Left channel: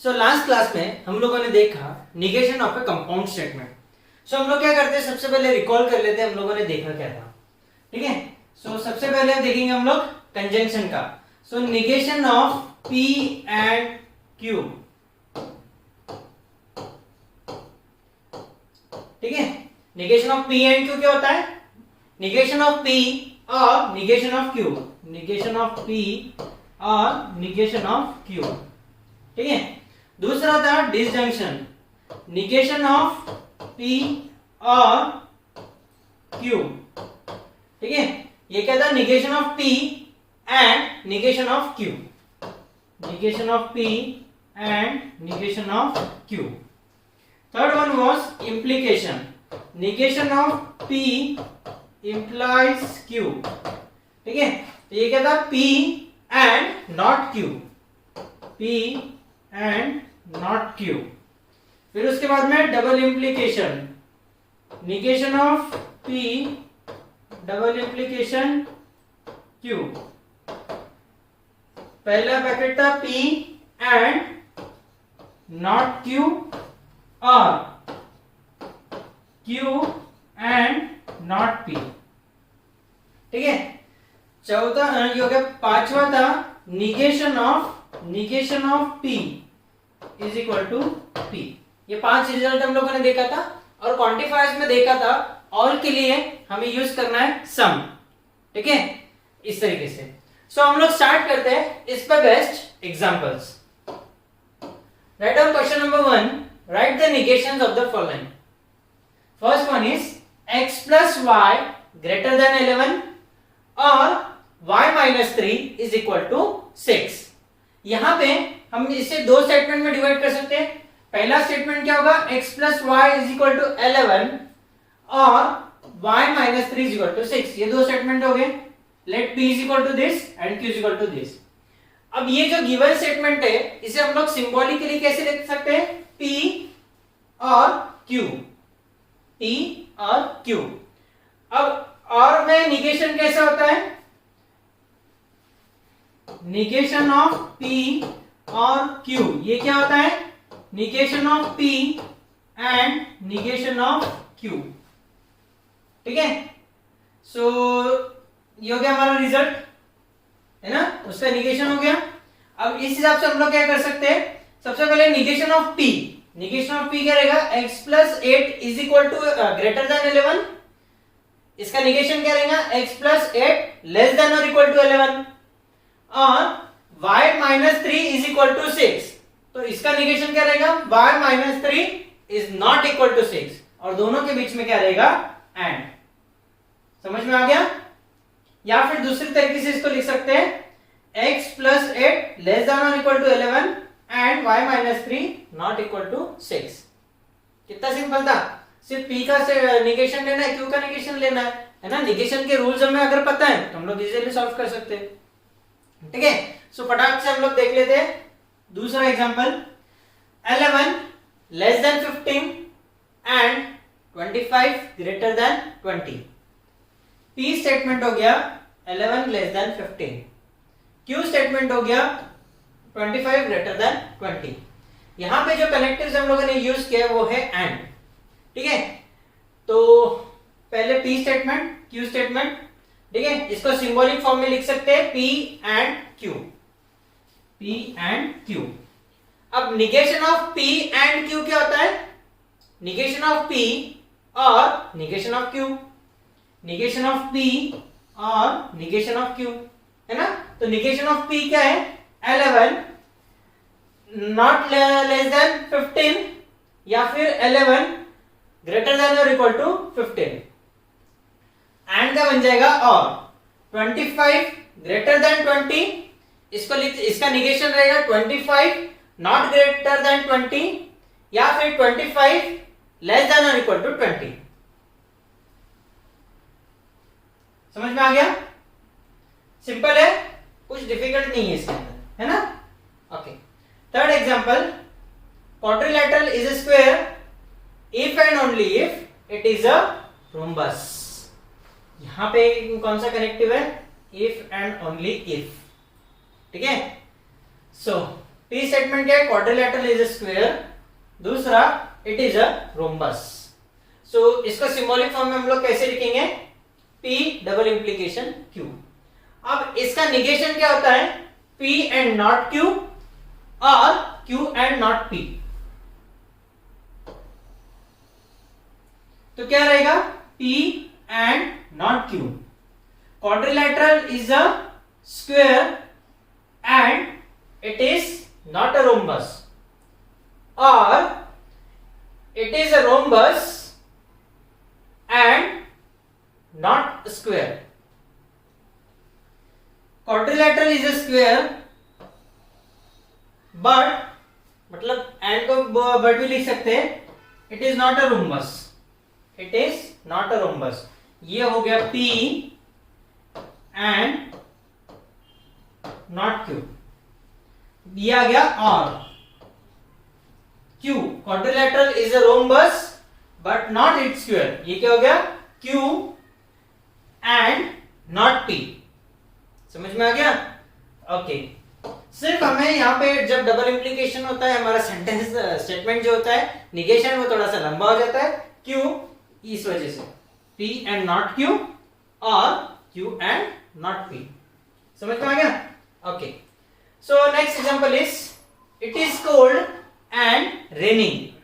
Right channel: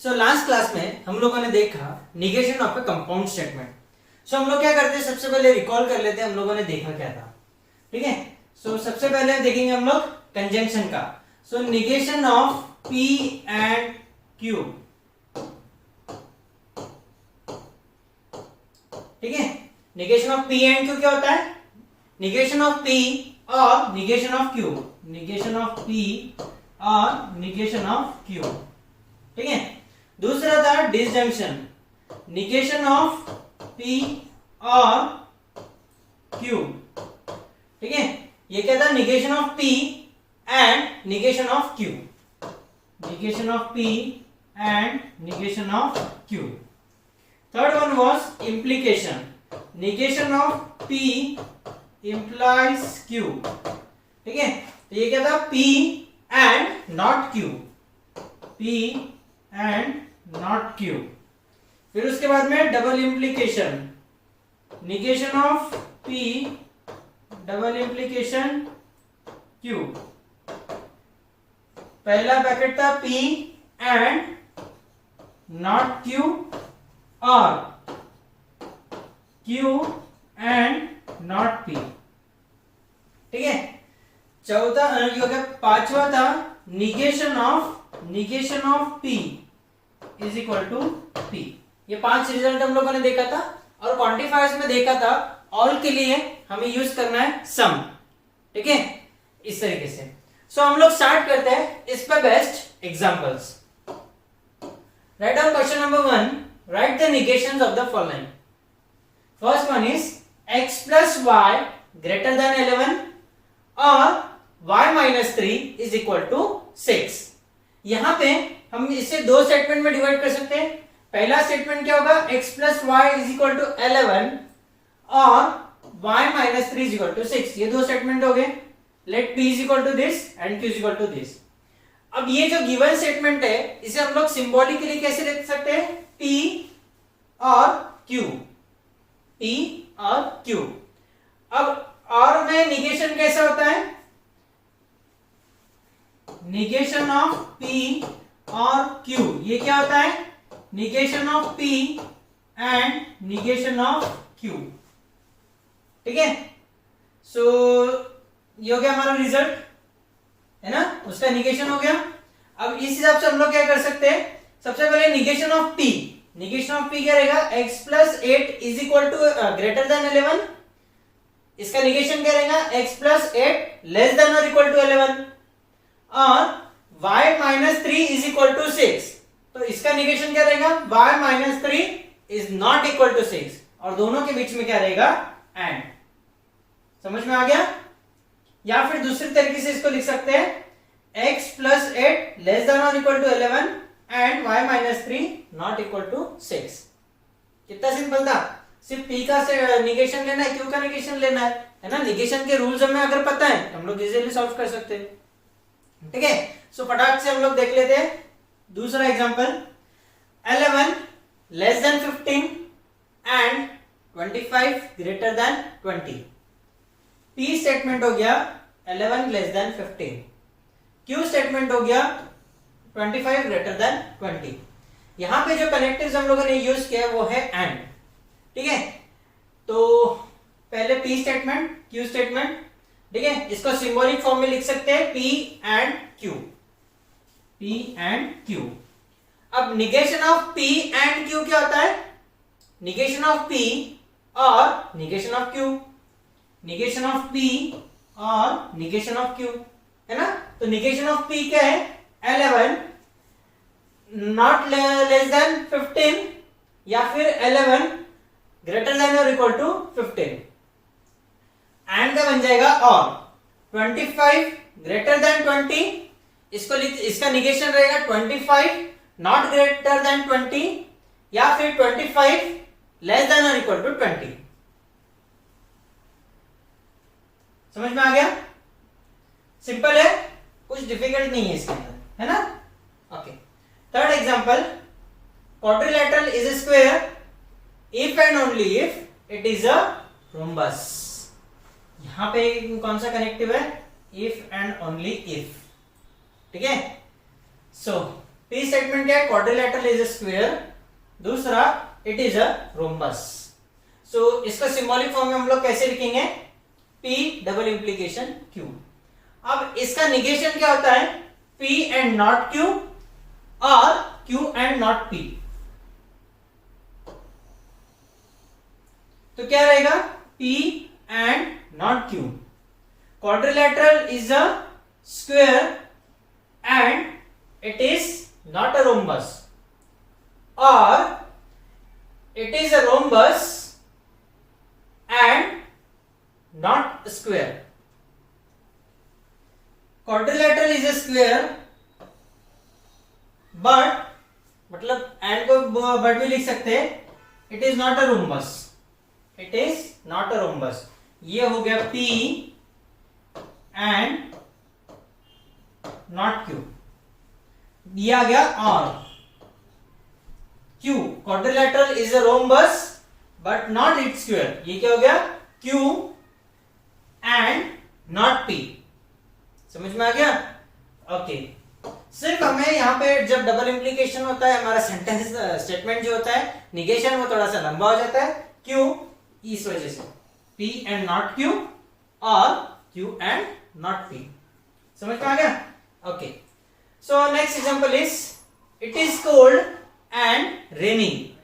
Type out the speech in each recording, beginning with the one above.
So last class में हम लोगों ने देखा negation of a compound statement. So हम लोग क्या करते हैं, सबसे पहले रिकॉल कर लेते हैं हम लोगों ने देखा क्या था। ठीक है, सो सबसे पहले देखेंगे हम लोग कंजंक्शन का। So negation of P and Q। ठीक है, negation of P and Q क्या होता है? निगेशन ऑफ P और negation of Q, negation of P और निगेशन ऑफ Q। ठीक है, दूसरा था डिसजंक्शन, निगेशन ऑफ P और Q। ठीक है, ये क्या था? Negation of P and negation of Q, negation of P and negation of Q। Third one was implication, negation of P implies Q। ठीक है, तो ये क्या था? P and not Q, P and not Q। फिर उसके बाद में double implication, negation of P double implication Q। पहला पैकेट था P एंड नॉट Q और Q एंड नॉट P। ठीक है, चौथा ये हो गया। पांचवा था negation of P is equal to P। ये 5 रिजल्ट हम लोगों ने देखा था और क्वांटिफायर्स में देखा था। ऑल के लिए हमें यूज करना है सम। ठीक है, इस तरीके से। सो हम लोग स्टार्ट करते हैं इस पे best examples. Write down question number 1, write the negations of the following. First one is x plus y greater than 11 और y minus 3 is equal to 6। यहां पे हम इसे दो स्टेटमेंट में डिवाइड कर सकते हैं। पहला स्टेटमेंट क्या होगा? x plus y is equal to 11 और y minus 3 is equal to 6। ये दो स्टेटमेंट हो गए। let p is equal to this and q is equal to this। अब ये जो गिवन स्टेटमेंट है इसे हम लोग सिंबॉलिकली कैसे लिख सकते हैं? p और q, p और Q। अब और में निगेशन कैसा होता है? निगेशन ऑफ P और Q, ये क्या होता है? Negation of P and negation of Q। ठीक है, सो ये हो गया हमारा रिजल्ट, है ना? उसका निगेशन हो गया। अब इस हिसाब से हम लोग क्या कर सकते हैं? सबसे पहले negation of P, negation of P क्या रहेगा? x plus 8 is equal to greater than 11। इसका निगेशन क्या रहेगा? x plus 8 less than or equal to 11 और y minus 3 is equal to 6। तो इसका निगेशन क्या रहेगा? y minus 3 is not equal to 6 और दोनों के बीच में क्या रहेगा? एंड। समझ में आ गया? या फिर दूसरी तरीके से इसको लिख सकते हैं x plus 8 less than or equal to 11 and y minus 3 not equal to 6। कितना सिंपल था? सिर्फ p का से निगेशन लेना है, q का निगेशन लेना है ना? निगेशन के रूल्स हमें अगर पता है तो हम लोग इजीली सॉल्व कर सकते हैं। ठीक है, सो फटाक से हम लोग देख लेते हैं दूसरा example. 11 less than 15 and 25 greater than 20। p statement हो गया 11 लेस देन 15, q स्टेटमेंट हो गया 25 ग्रेटर देन 20। यहां पे जो कनेक्टिव्स हम लोगों ने यूज किया वो है एंड। ठीक है, तो पहले P स्टेटमेंट, Q स्टेटमेंट। ठीक है, इसको सिंबॉलिक फॉर्म में लिख सकते हैं P and Q, P and Q। अब negation of P and Q क्या होता है? निगेशन ऑफ P और negation of Q, negation of P और निगेशन ऑफ Q, है ना? तो निगेशन ऑफ P क्या है? 11 नॉट लेस देन 15 या फिर 11 ग्रेटर देन और इक्वल टू 15। एंड का बन जाएगा और 25 ग्रेटर देन 20। इसको इसका निगेशन रहेगा 25 नॉट ग्रेटर देन 20 या फिर 25 लेस देन और इक्वल टू 20। समझ में आ गया? सिंपल है, कुछ डिफिकल्ट नहीं है इसके अंदर, है ना? Okay, third example. Quadrilateral is a square if and only if it is a rhombus. यहां पे कौन सा कनेक्टिव है? If and only if. ठीक है, सो पी स्टेटमेंट क्या है, क्वाड्रिलेटरल इज अ स्क्वायर, दूसरा इट इज अ रोम्बस। सो इसका सिंबॉलिक फॉर्म में हम लोग कैसे लिखेंगे, P डबल इंप्लीकेशन Q। अब इसका निगेशन क्या होता है, P एंड नॉट Q और Q एंड नॉट P। तो क्या रहेगा, P and not Q। Quadrilateral is a square and it is not a rhombus, or it is a rhombus and not a square. Quadrilateral is a square but मतलब and को but भी लिख सकते हैं, it is not a rhombus, it is not a rhombus। ये हो गया P and not Q। दिया गया और Q, quadrilateral is a rhombus but not its square. ये क्या हो गया, Q एंड नॉट P। समझ में आ गया, ओके। सिर्फ हमें यहाँ पे जब डबल इंप्लीकेशन होता है, हमारा सेंटेंस स्टेटमेंट जो होता है, निगेशन वो थोड़ा सा लंबा हो जाता है, क्यों, इस वजह से P एंड नॉट Q और Q एंड नॉट P। समझ में आ गया, okay. So next example is, it is cold and raining.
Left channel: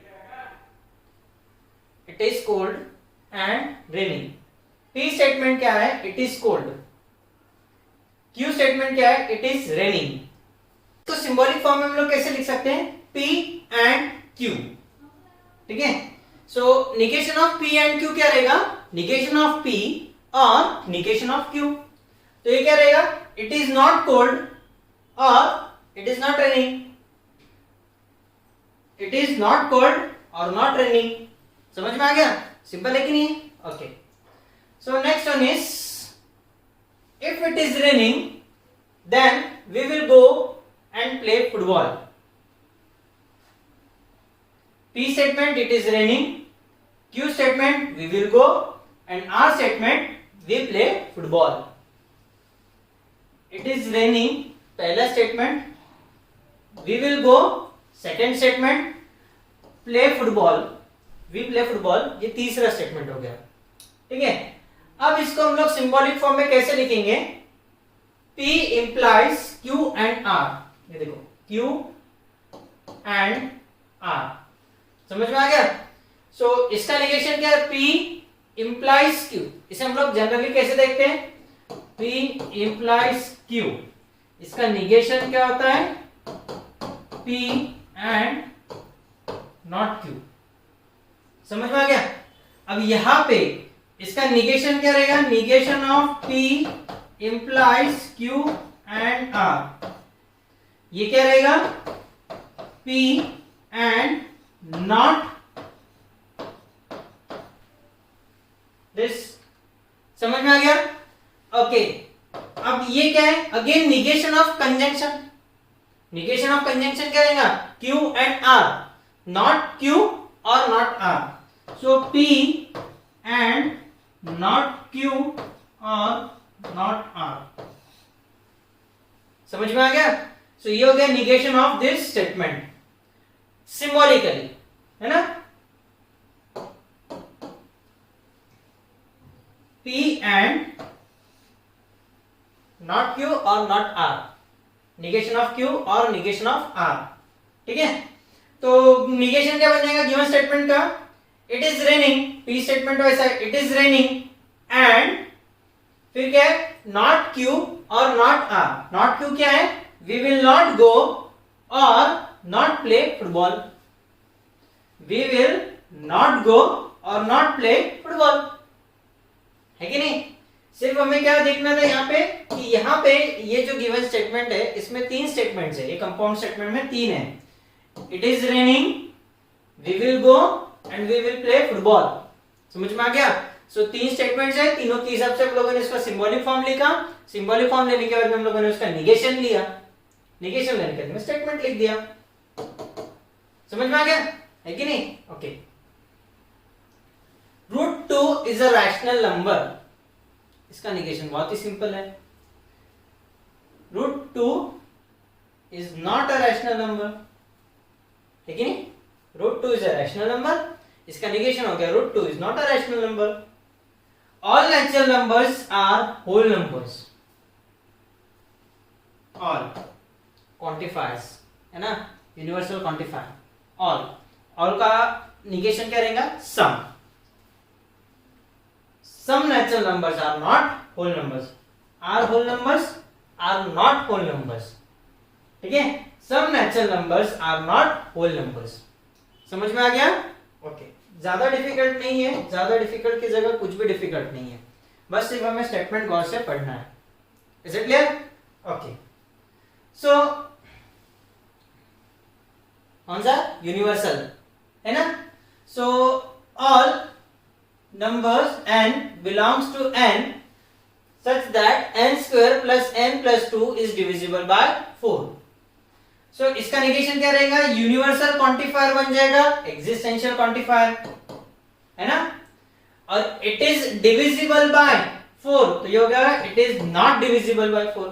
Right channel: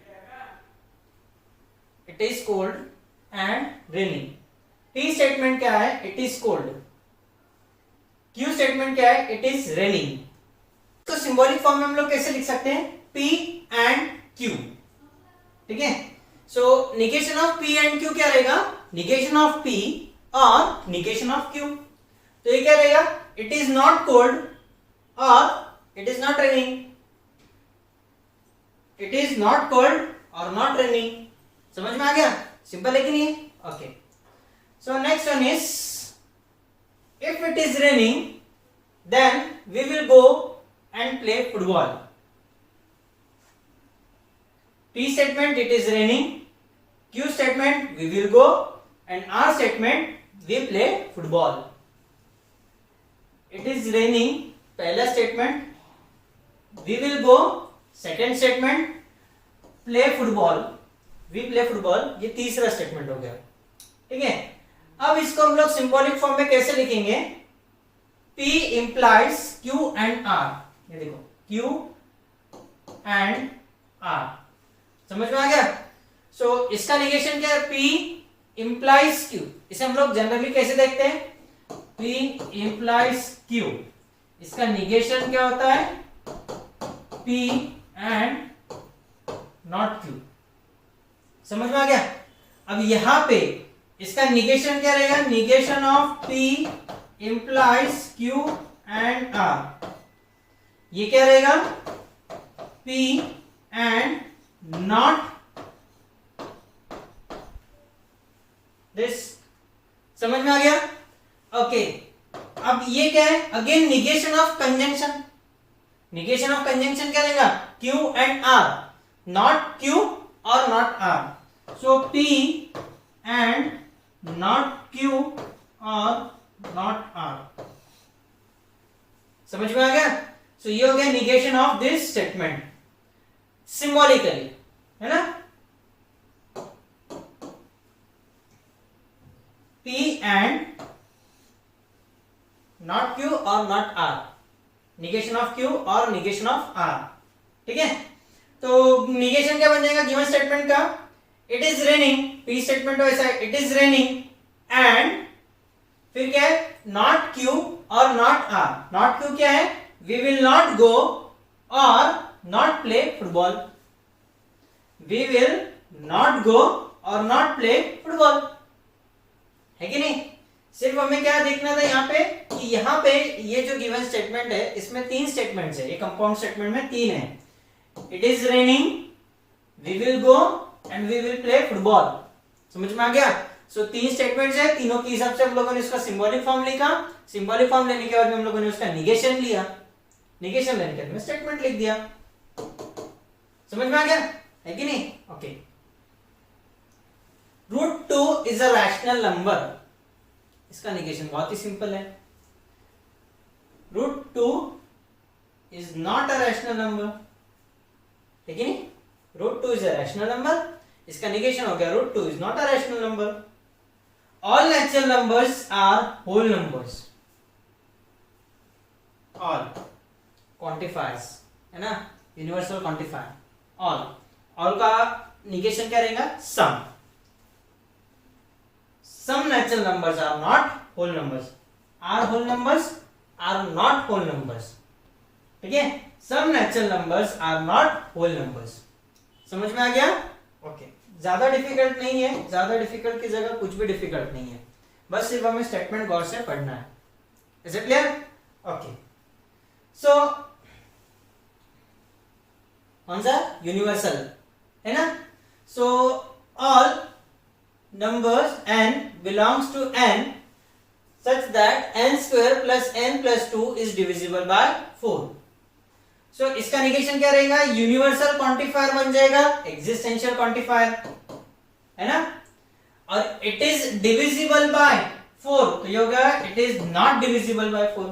It is cold and raining. P statement क्या है, it is cold. Q statement क्या है, it is raining. तो सिंबॉलिक फॉर्म में हम लोग कैसे लिख सकते हैं, P and Q। ठीक है, so negation of P and Q क्या रहेगा, निगेशन ऑफ P और निगेशन ऑफ Q। तो ये क्या रहेगा, it is not cold or it is not raining। it is not cold or not raining। समझ में आ गया, सिंपल है कि नहीं, okay. So next one is, if it is raining then we will go and play football। P statement it is raining, Q statement we will go, and R statement we play football। it is raining पहला statement, we will go second statement, play football we play football ये तीसरा statement हो गया। ठीक है, अब इसको हम लोग सिंबॉलिक फॉर्म में कैसे लिखेंगे, P implies Q and R। ये देखो Q and R, समझ में आ गया। सो इसका निगेशन क्या है, P implies Q। इसे हम लोग जनरली कैसे देखते हैं, P implies Q, इसका निगेशन क्या होता है, P एंड नॉट Q। समझ में आ गया। अब यहां पे इसका निगेशन क्या रहेगा, negation of P implies Q and R। ये क्या रहेगा, P एंड नॉट दिस। समझ में आ गया, ओके। अब ये क्या है, again negation of conjunction. Negation of conjunction क्या रहेगा, Q and R, not Q और not R। So P and not Q और नॉट R। समझ में आ गया। सो ये हो गया negation of this statement symbolically, है ना। P एंड नॉट Q और not R, negation of Q और निगेशन ऑफ R। ठीक है, तो निगेशन क्या बन जाएगा गिवन स्टेटमेंट का, it is raining, P statement वैसा है, इट इज रेनिंग एंड फिर क्या है, नॉट Q और नॉट R। नॉट Q क्या है, वी विल नॉट गो और not play football. We will not go और नॉट प्ले फुटबॉल, है कि नहीं। सिर्फ हमें क्या देखना था यहाँ पे कि यहाँ पे ये जो गिवन स्टेटमेंट है इसमें तीन स्टेटमेंट्स है, ये कंपाउंड स्टेटमेंट में तीन है, it is raining, we will go and we will play football. समझ में आ गया। सो तीन स्टेटमेंट्स है, तीनों के हिसाब से हम लोगों ने इसका सिंबॉलिक फॉर्म लिखा, सिंबॉलिक फॉर्म लेने के बाद में हम लोगों ने उसका निगेशन लिया, निगेशन लेने के बाद में स्टेटमेंट लिख दिया। समझ में आ गया, है कि नहीं, okay. √2 is a rational number, इसका निगेशन बहुत ही सिंपल है। √2 is not a rational number, ठीक है नहीं? √2 इज अ रैशनल नंबर, इसका निगेशन हो गया √2 is not a rational number. All natural numbers are whole numbers. All quantifiers है ना, यूनिवर्सल क्वांटिफायर. ऑल का निगेशन क्या रहेगा? Some. Some natural numbers are not whole numbers. Are whole numbers are not whole numbers. ठीक है, some natural numbers are not whole numbers. समझ में आ गया? ओके. ज्यादा डिफिकल्ट नहीं है, ज्यादा डिफिकल्ट की जगह कुछ भी डिफिकल्ट नहीं है, बस सिर्फ हमें स्टेटमेंट गौर से पढ़ना है. Is it clear? ओके. सो कौन सा? यूनिवर्सल है ना. So all numbers n belongs to n such that n square plus n plus 2 is divisible by 4. So इसका निगेशन क्या रहेगा? यूनिवर्सल क्वांटिफायर बन जाएगा एग्जिस्टेंशियल क्वांटिफायर, है ना. और इट इज डिविजिबल बाय 4, तो ये हो गया it is not divisible by 4,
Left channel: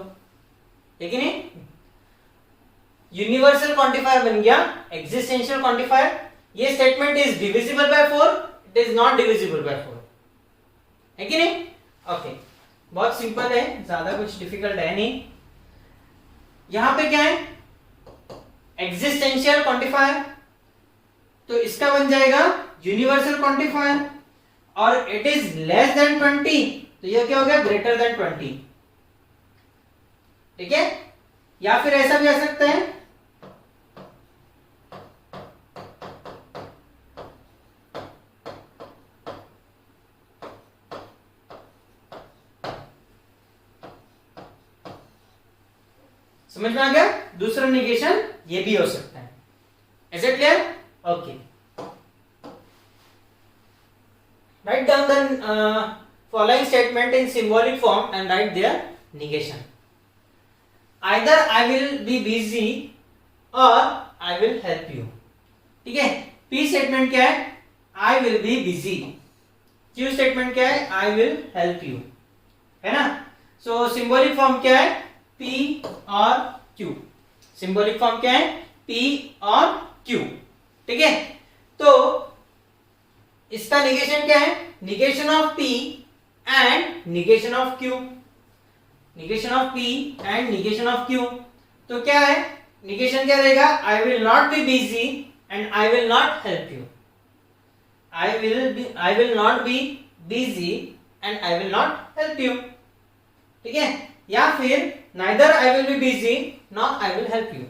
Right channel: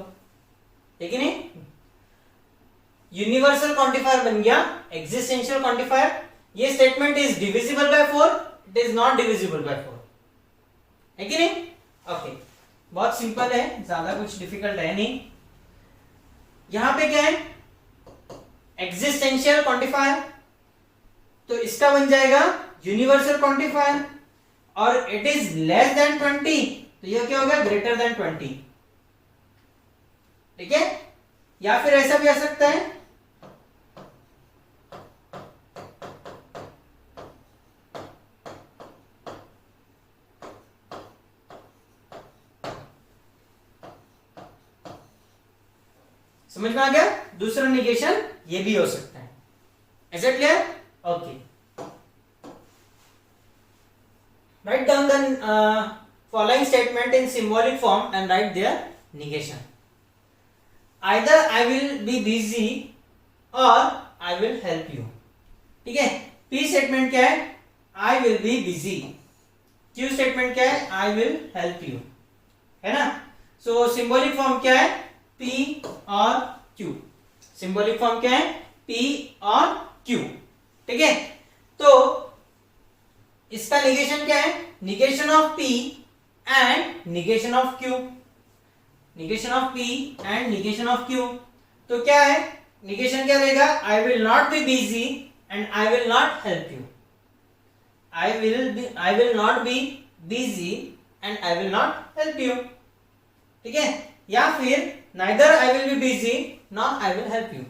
ठीक है नहीं? यूनिवर्सल क्वांटिफायर बन गया एग्जिस्टेंशियल क्वांटिफायर. ये statement is divisible by 4, it is not divisible by 4, है कि नहीं? ओके. बहुत सिंपल है, ज्यादा कुछ डिफिकल्ट है नहीं. यहां पे क्या है? एग्जिस्टेंशियल क्वांटिफायर, तो इसका बन जाएगा यूनिवर्सल क्वांटिफायर. और इट इज लेस देन 20, तो ये क्या हो गया? ग्रेटर देन 20, ठीक है. या फिर ऐसा भी आ सकता है, समझ में आ गया? दूसरा निगेशन ये भी हो सकता है. Is it clear? Okay. Write down the following statement in symbolic form and write their negation. Either I will be busy or I will help you. ठीक है. पी स्टेटमेंट क्या है? आई will be busy. Q statement क्या है? I will help you, है ना. So symbolic form क्या है? P और Q. सिंबॉलिक फॉर्म क्या है? P और Q, ठीक है. तो इसका निगेशन क्या है? Negation of P and negation of Q. Negation of P and negation of Q. तो क्या है? निगेशन क्या रहेगा? I will not be busy and I will not help you. I will not be busy and I will not help you, ठीक है. या फिर neither I will be busy nor I will help you.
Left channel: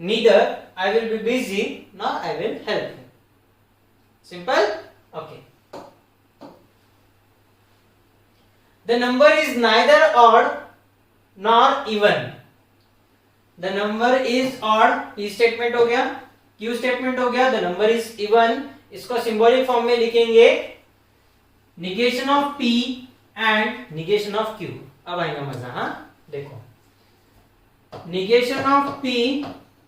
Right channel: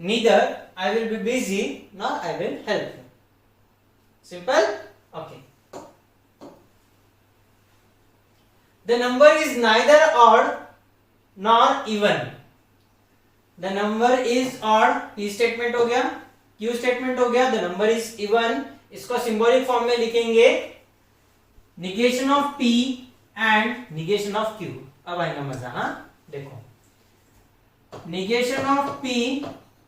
Neither I will be busy nor I will help you. Simple? Okay. The number is neither odd nor even. The number is odd. P statement हो गया. Q statement हो गया. The number is even. इसको symbolic form में लिखेंगे negation of P and negation of Q. अब आएगा मजा. हाँ, देखो, negation of P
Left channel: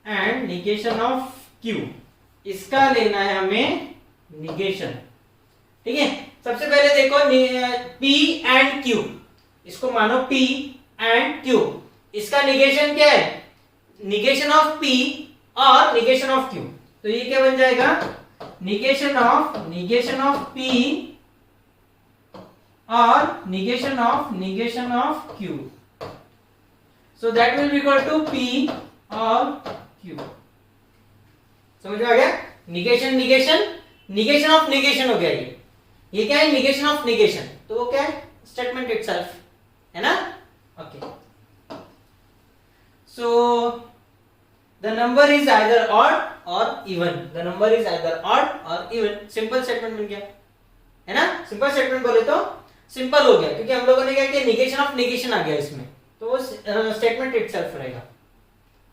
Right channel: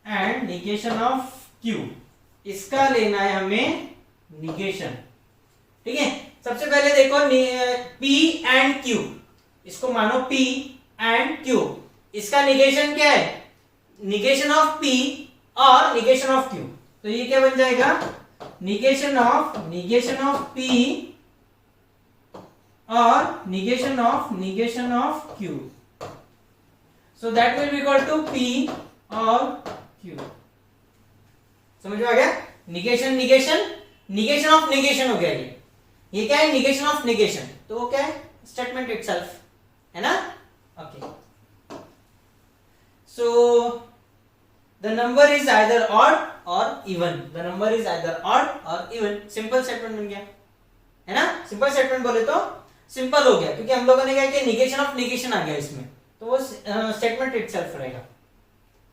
and negation of Q, इसका लेना है हमें निगेशन, ठीक है. सबसे पहले देखो P एंड Q, इसको मानो P एंड Q. इसका निगेशन क्या है? निगेशन ऑफ P और निगेशन ऑफ Q. तो ये क्या बन जाएगा? निगेशन ऑफ P और negation of Q. So that will be equal to P और Q. समझ में आ गया? निगेशन ऑफ निगेशन हो गया. ये क्या है? Negation of negation. तो वो क्या है? स्टेटमेंट इटसेल्फ, है ना. Okay. So the number is either odd और even. The number is either odd और इवन. सिंपल स्टेटमेंट बन गया, है ना. सिंपल स्टेटमेंट बोले तो सिंपल हो गया, क्योंकि हम लोगों ने क्या किया? निगेशन ऑफ निगेशन आ गया इसमें, तो वो स्टेटमेंट इटसेल्फ रहेगा.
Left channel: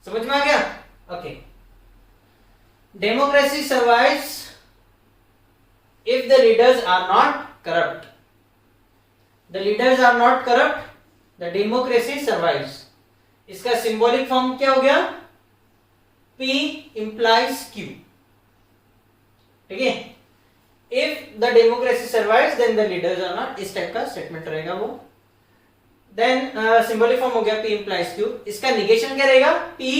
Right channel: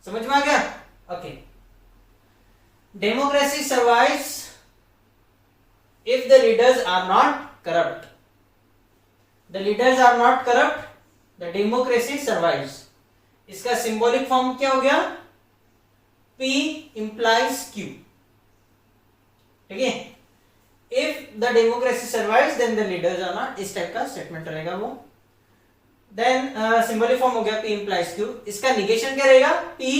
समझ में आ गया? Okay. Democracy survives if the leaders are not corrupt. The leaders are not corrupt, the democracy survives. इसका सिंबॉलिक फॉर्म क्या हो गया? P implies Q, ठीक है. If the democracy survives then the leaders are not, इस type का statement रहेगा वो. देन सिंबॉलिक फॉर्म हो गया P implies Q, इसका निगेशन क्या रहेगा? P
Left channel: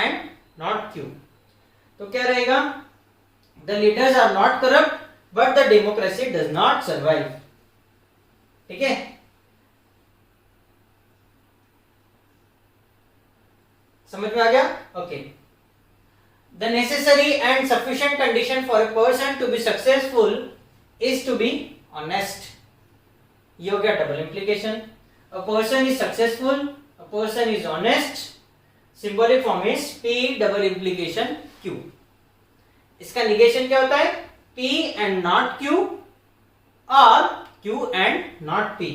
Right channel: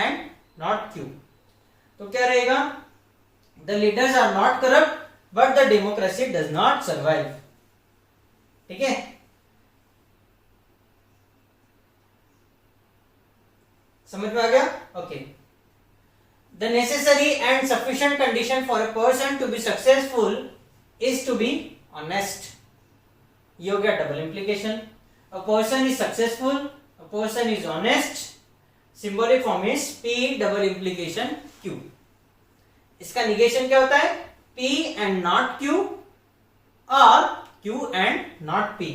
and not Q. तो क्या रहेगा? The leaders are not corrupt but the democracy does not survive. ठीक है, समझ में आ गया? Okay. The necessary and sufficient condition for a person to be successful is to be honest. ये हो गया double implication. A person is successful, a person is honest. Symbolic form is P double implication Q. इसका negation क्या होता है? P and not Q or Q and not P.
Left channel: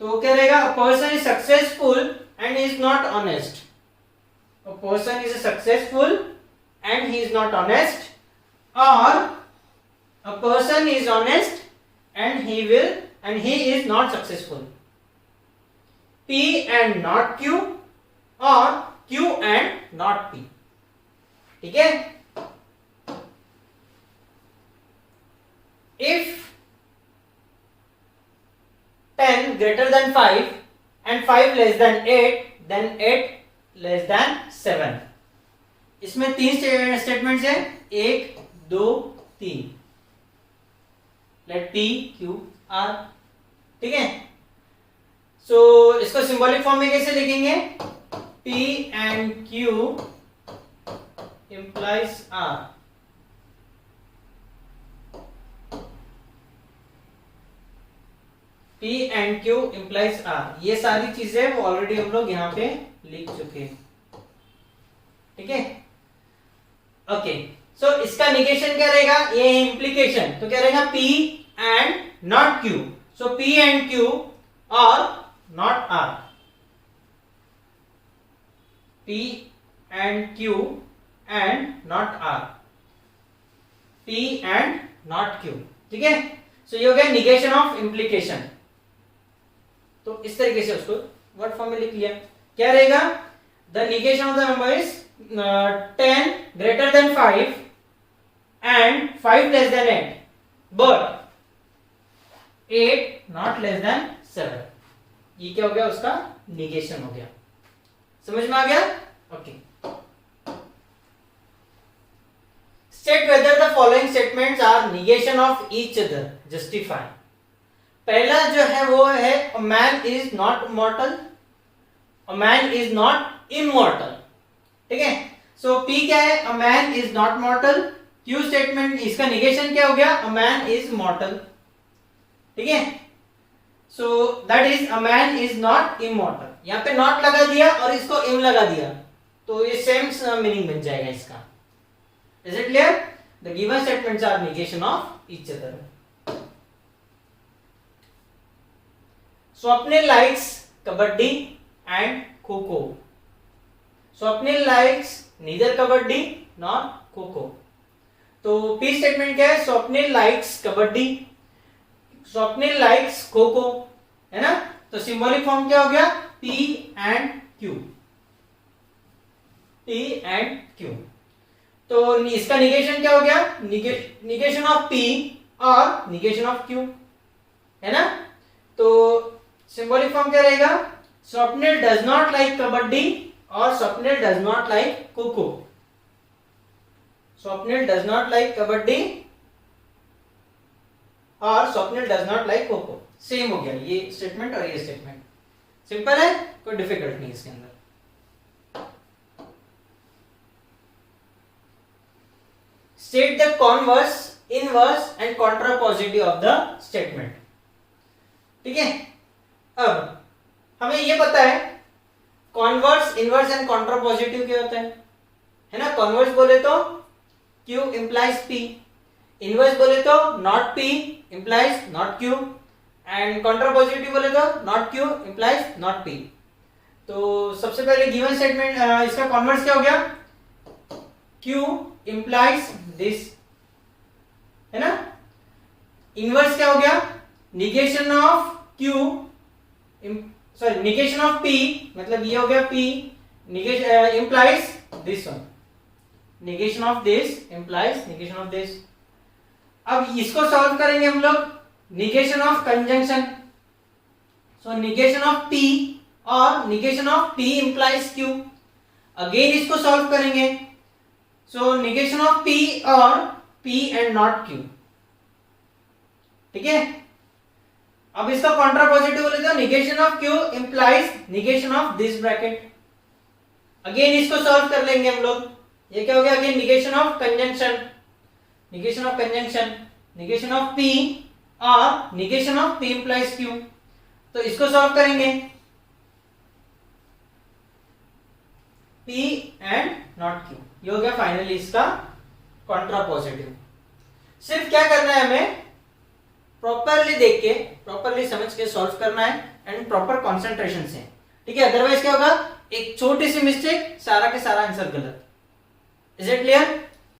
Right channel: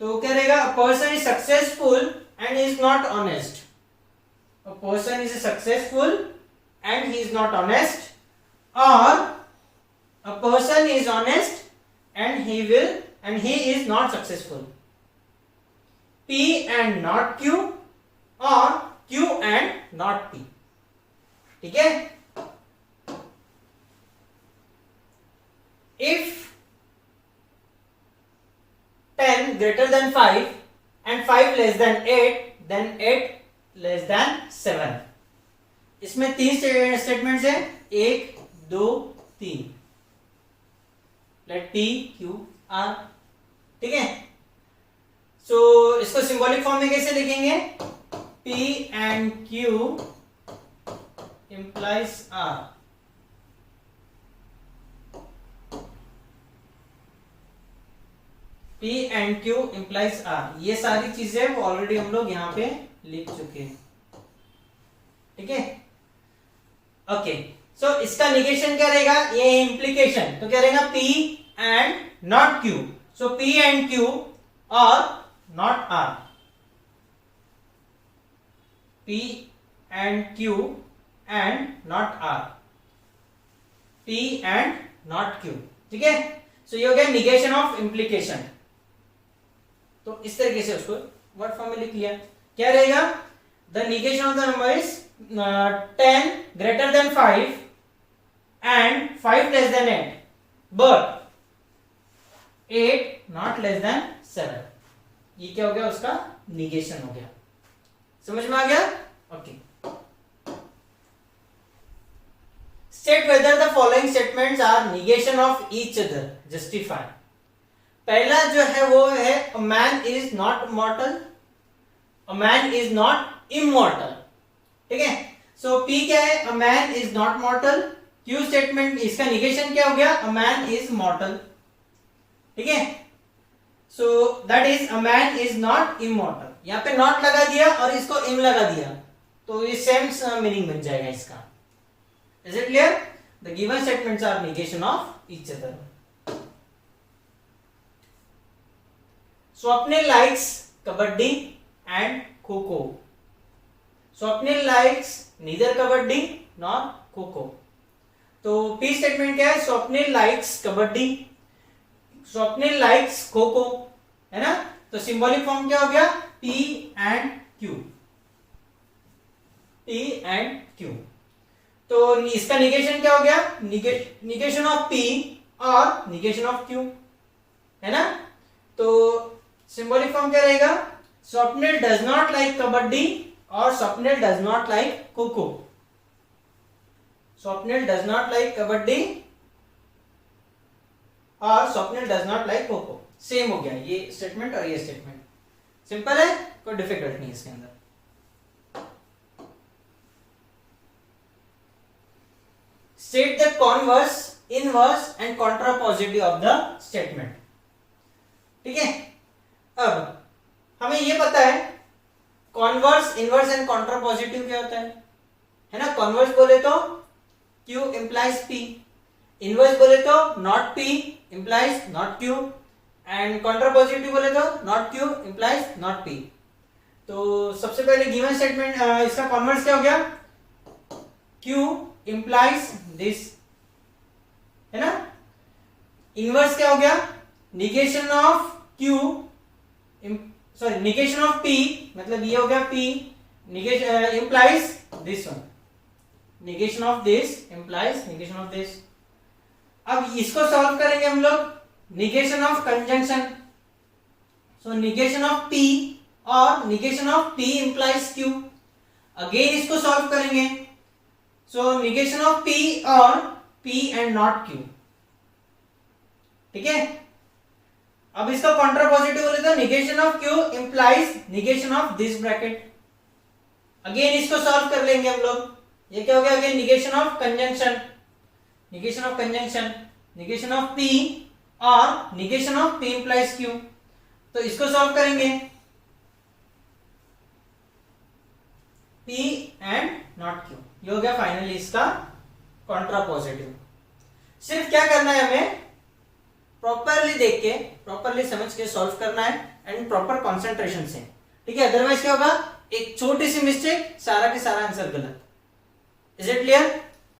तो क्या रहेगा? A person is successful and is not honest. A person is successful and he is not honest, or a person is honest and he is not successful. P and not Q or Q and not P. ठीक है? If 10 greater than 5 and 5 less than 8, then 8 less than 7. इसमें 3 statements है, 1 2 3. Let P Q R. ठीक है, सो इसको symbolic form में कैसे लिखेंगे? P and Q implies R. P and Q implies R. ये सारी चीजें वो ऑलरेडी हम लोग यहाँ पे लिख चुके हैं. ठीक है, ओके. सो इसका निगेशन क्या रहेगा? ये इंप्लीकेशन, तो क्या रहेगा? P and not Q. So P and Q or not R. P and Q and not R. P and not Q. ठीक है, सो ये हो गया निगेशन ऑफ इंप्लीकेशन. तो इस तरीके से उसको वर्ड फॉर्म में लिख लिया. क्या रहेगा? The negation of the number is 10 greater than 5 and 5 less than 8 but 8 not less than 7. ये क्या हो गया? उसका निगेशन हो गया. समझ में आ गया? Okay. State whether the following statements are negation of each other. Justify. पहला जो है वो है a man is not mortal, a man is not immortal. ठीक है, सो P क्या है? A man is not mortal. Q statement, इसका निगेशन क्या हो गया? A man is mortal. ठीक है, so that is a man is not immortal. यहाँ पे नॉट लगा दिया और इसको इम लगा दिया, तो ये सेम मीनिंग बन जाएगा इसका. Is it clear? The given statements are negation of each other. Swapnil likes kabaddi and kho kho. Swapnil likes neither kabaddi nor kho kho. तो P स्टेटमेंट क्या है? स्वप्निल लाइक्स कबड्डी, स्वप्निल लाइक्स खो-खो, है ना? तो सिंबॉलिक फॉर्म क्या हो गया? P and Q. P and Q. तो इसका निगेशन क्या हो गया? निगेशन ऑफ P और निगेशन ऑफ Q, है ना? तो सिंबॉलिक फॉर्म क्या रहेगा? Swapnil does not like kabaddi और Swapnil does not like kho kho. Swapnil does not like kabaddi और Swapnil does not like kho kho. Same हो गया ये स्टेटमेंट और ये स्टेटमेंट. सिंपल है, कोई डिफिकल्ट नहीं इसके अंदर. State the converse, inverse and contrapositive of the statement. ठीक है, अब हमें ये पता है कॉन्वर्स, इनवर्स एंड कॉन्ट्रापोजिटिव क्या होता है ना? कॉन्वर्स बोले तो Q implies P, इनवर्स बोले तो not P implies not Q, and contrapositive बोले तो not Q implies not P. तो सबसे पहले गिवन स्टेटमेंट, इसका कॉन्वर्स क्या हो गया? Q implies this, है ना? इनवर्स क्या हो गया? Negation of Q, sorry negation of P, मतलब ये हो गया P negation implies this one, negation of this implies negation of this. अब इसको सॉल्व करेंगे हम लोग. Negation of conjunction, so negation of P और negation of P implies Q। Again इसको सॉल्व करेंगे, सो निगेशन ऑफ P और P एंड नॉट Q। ठीक है, अब इसका कॉन्ट्रा पॉजिटिव बोले तो negation of Q implies negation of this bracket. Again इसको सॉल्व कर लेंगे हम लोग। ये क्या हो गया, again negation of conjunction, negation of conjunction, negation of P और negation of P implies Q। तो इसको सॉल्व करेंगे, P एंड नॉट Q। ये हो गया फाइनली इसका कॉन्ट्रा पॉजिटिव। सिर्फ क्या करना है, हमें प्रॉपरली देख के, प्रॉपरली समझ के सॉल्व करना है एंड प्रॉपर कॉन्सेंट्रेशन से। ठीक है, अदरवाइज क्या होगा, एक छोटी सी मिस्टेक, सारा के सारा आंसर गलत। Is it clear?